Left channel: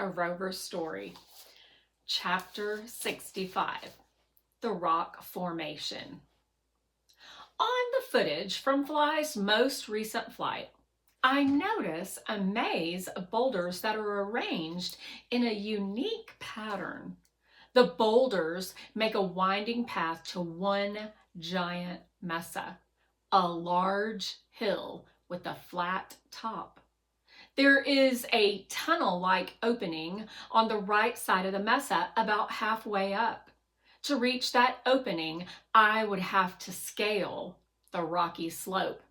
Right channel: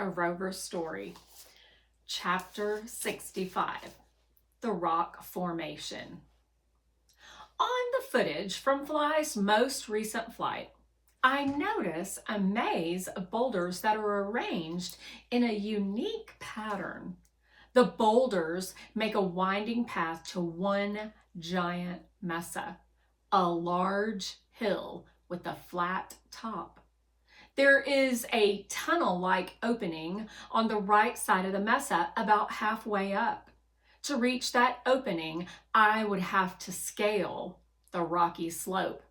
a Rover story. Chapter 65, The Rock Formation. On the footage from Fly's most recent flight, I notice a maze of boulders that are arranged in a unique pattern. The boulders make a winding path to one giant mesa, a large hill with a flat top. There is a tunnel-like opening on the right side of the mesa about halfway up. To reach that opening, I would have to scale the rocky slope.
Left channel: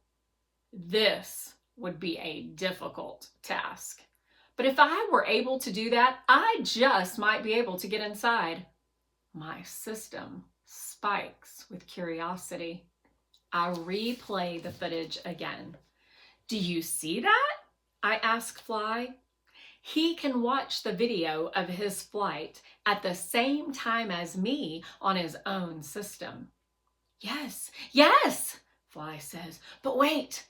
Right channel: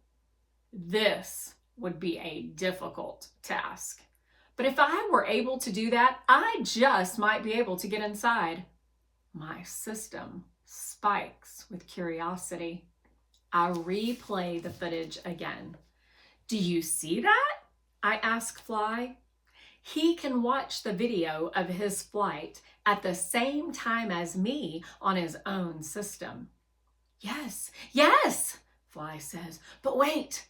This would be a difficult task. But if I were able to do that, I just might be able to get inside. My system spikes with curiosity. I replay the footage again. Do you see that? I ask Fly. He can watch the video of his flight at the same time as me on his own system. Yes, Fly says, but wait,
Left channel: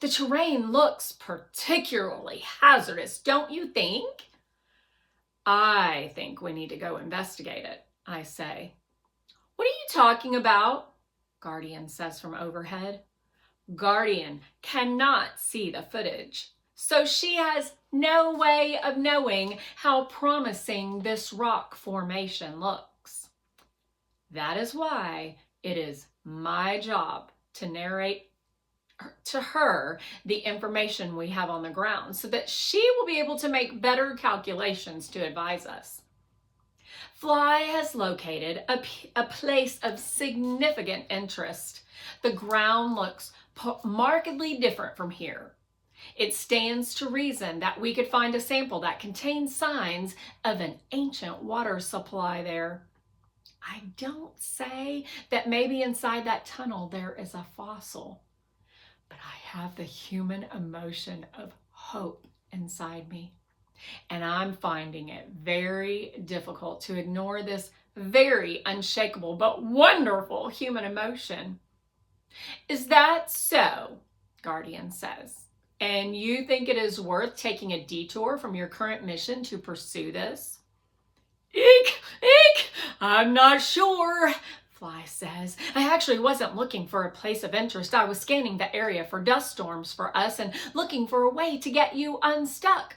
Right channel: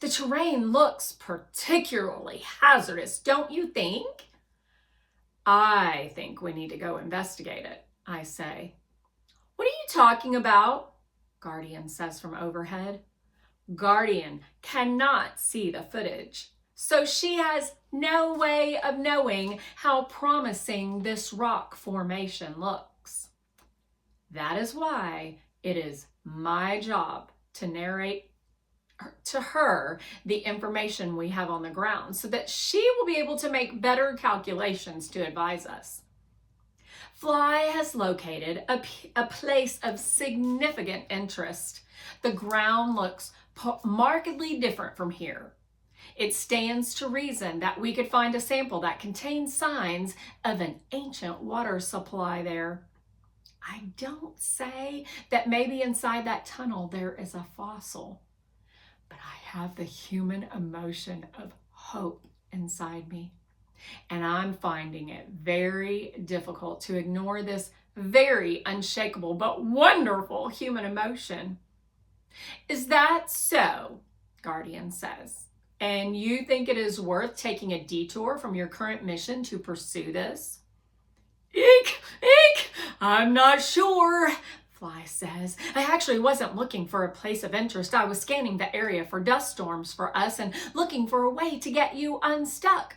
the terrain looks particularly hazardous, don't you think? I think we need to go investigate it, I say. What are you talking about? Guardian says from overhead. Guardian cannot see the footage, so she has no way of knowing how promising this rock formation looks. That is why it is my job to narrate to her the information we have on the ground so that she will be able to make better calculations to advise us. Fly has located a place of significant interest. The ground looks markedly different from here. It stands to reason that we could find a sample that contains signs of an ancient water supply there. I don't say that maybe inside that tunnel there is a fossil, but I have the human emotion of hope inside me, and I'm finding it very difficult to ignore this very unshakable but wonderful human emotion. Is that so? Guardian says. And you think it is worth taking a detour from your current mission to pursue this? Eek! I'm not sure, Fly says. I actually wasn't looking for a place of interest. I was scanning the area for dust storms for us and looking for a way to get you unstuck.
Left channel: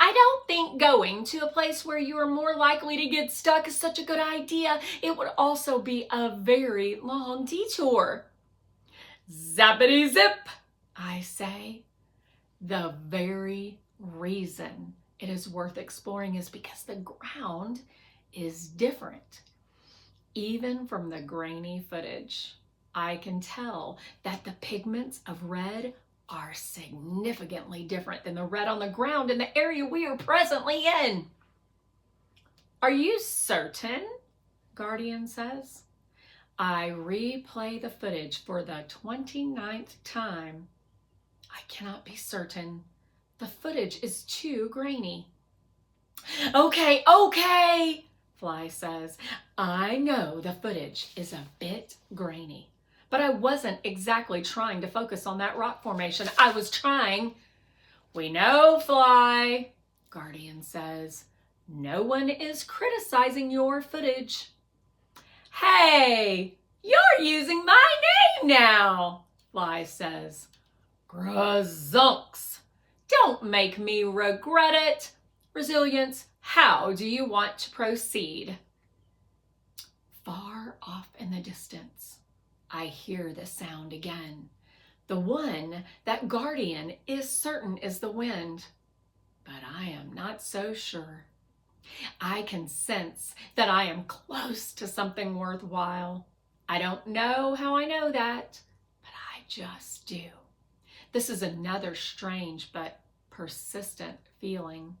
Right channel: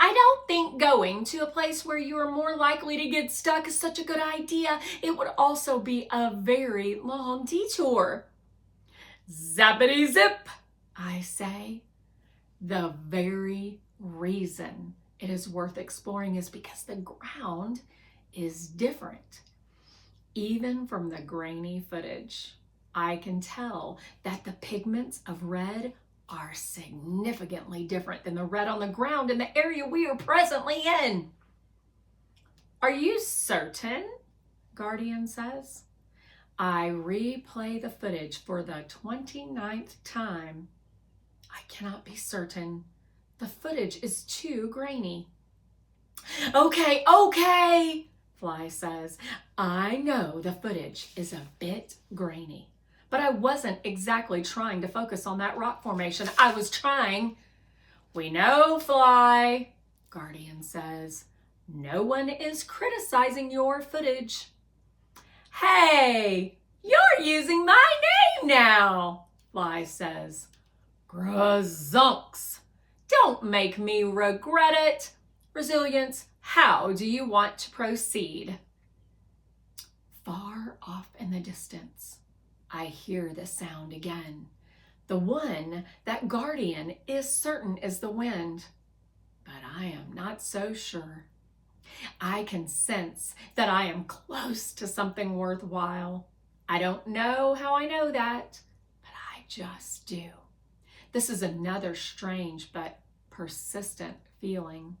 I don't think going to a place where you are more likely to get stuck is such a good idea. It would also be a very long detour. Zappity zip, I say. The very reason it is worth exploring is because the ground is different. Even from the grainy footage, I can tell that the pigments of red are significantly different than the red on the ground in the area we are presently in. Are you certain? Guardian says. I replay the footage for the 29th time. I cannot be certain. The footage is too grainy. Okay, Fly says. I know the footage is a bit grainy, but I wasn't exactly trying to focus on that rock formation. I was trying. We know, Fly, Guardian says. No one is criticizing your footage. Hey, you're using my name now, Fly says. Grazunks, don't make me regret it. Resilience, how do you want to proceed? Far off in the distance, I hear the sound again. The one that Guardian is certain is the wind, but I am not so sure. I can sense that I am close to something worthwhile. I don't know how I know that, but I just do. This is another strange but persistent feeling.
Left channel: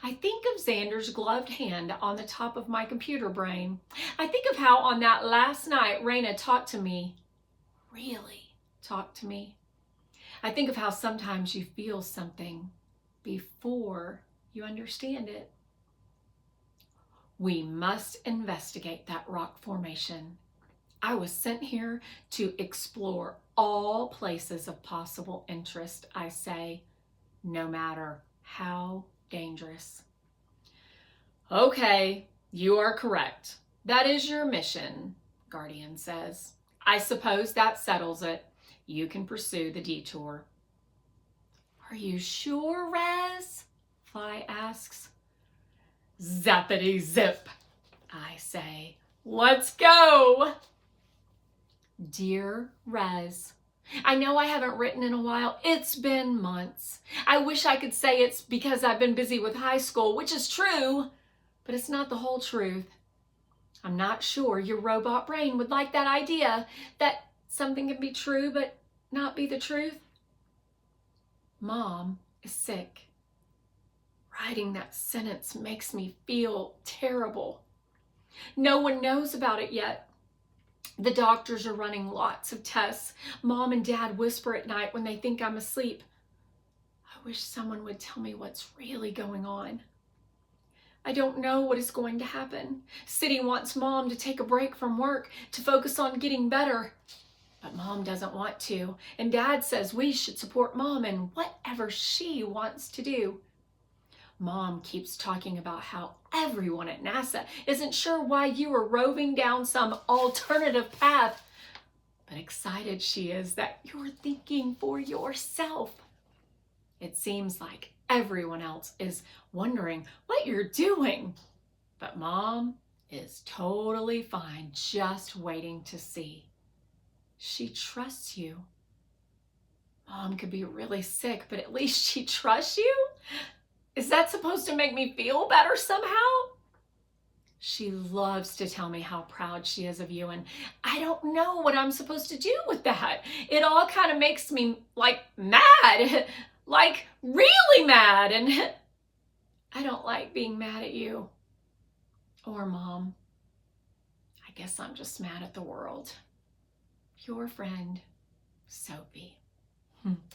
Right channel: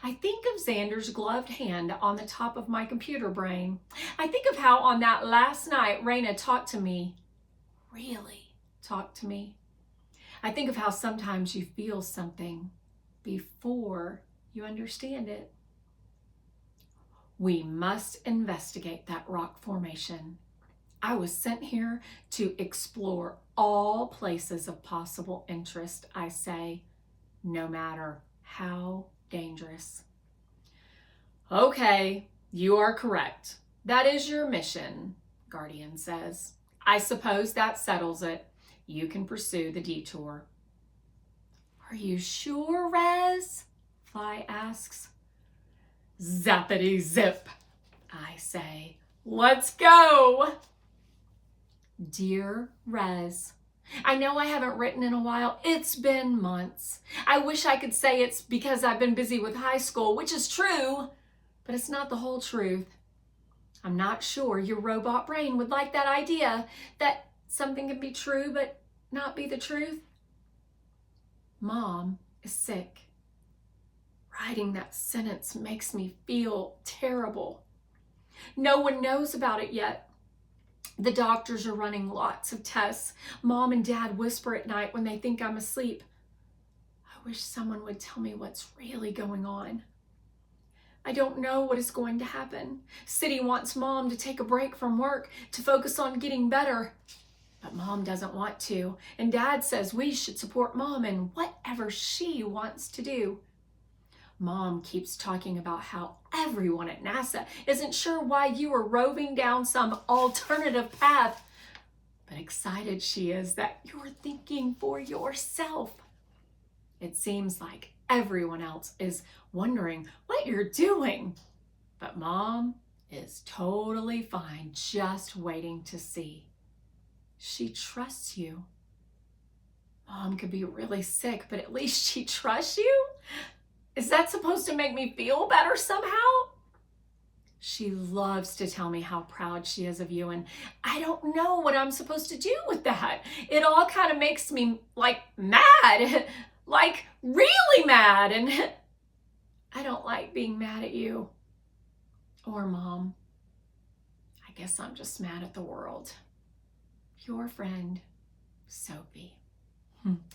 I think of Xander's gloved hand on the top of my computer brain. I think of how on that last night Raina talked to me, really talked to me. I think of how sometimes you feel something before you understand it. We must investigate that rock formation. I was sent here to explore all places of possible interest, I say, no matter how dangerous. Okay, you are correct. That is your mission, Guardian says. I suppose that settles it. You can pursue the detour. Are you sure, Rez? Fly asks. Zappity zip, I say. Let's go! Dear Rez, I know I haven't written in a while. It's been months. I wish I could say it's because I've been busy with high school, which is true, but it's not the whole truth. I'm not sure your robot brain would like that idea that something can be true but not be the truth. Mom is sick. Writing that sentence makes me feel terrible. No one knows about it yet. The doctors are running lots of tests. Mom and Dad whisper at night when they think I'm asleep. I wish someone would tell me what's really going on. I don't know what is going to happen. City wants Mom to take a break from work to focus on getting better. But Mom doesn't want to, and Dad says we should support Mom in whatever she wants to do. Mom keeps talking about how everyone at NASA isn't sure why you are roving down some alternative path, but excited she is that you're thinking for yourself. It seems like everyone else is wondering what you're doing, but Mom is totally fine, just waiting to see. She trusts you. Mom could be really sick, but at least she trusts you? Is that supposed to make me feel better somehow? She loves to tell me how proud she is of you, and I don't know what I'm supposed to do with that. It all kind of makes me mad, like really mad, and I don't like being mad at you or Mom. I guess I'm just mad at the world. Your friend, Sophie.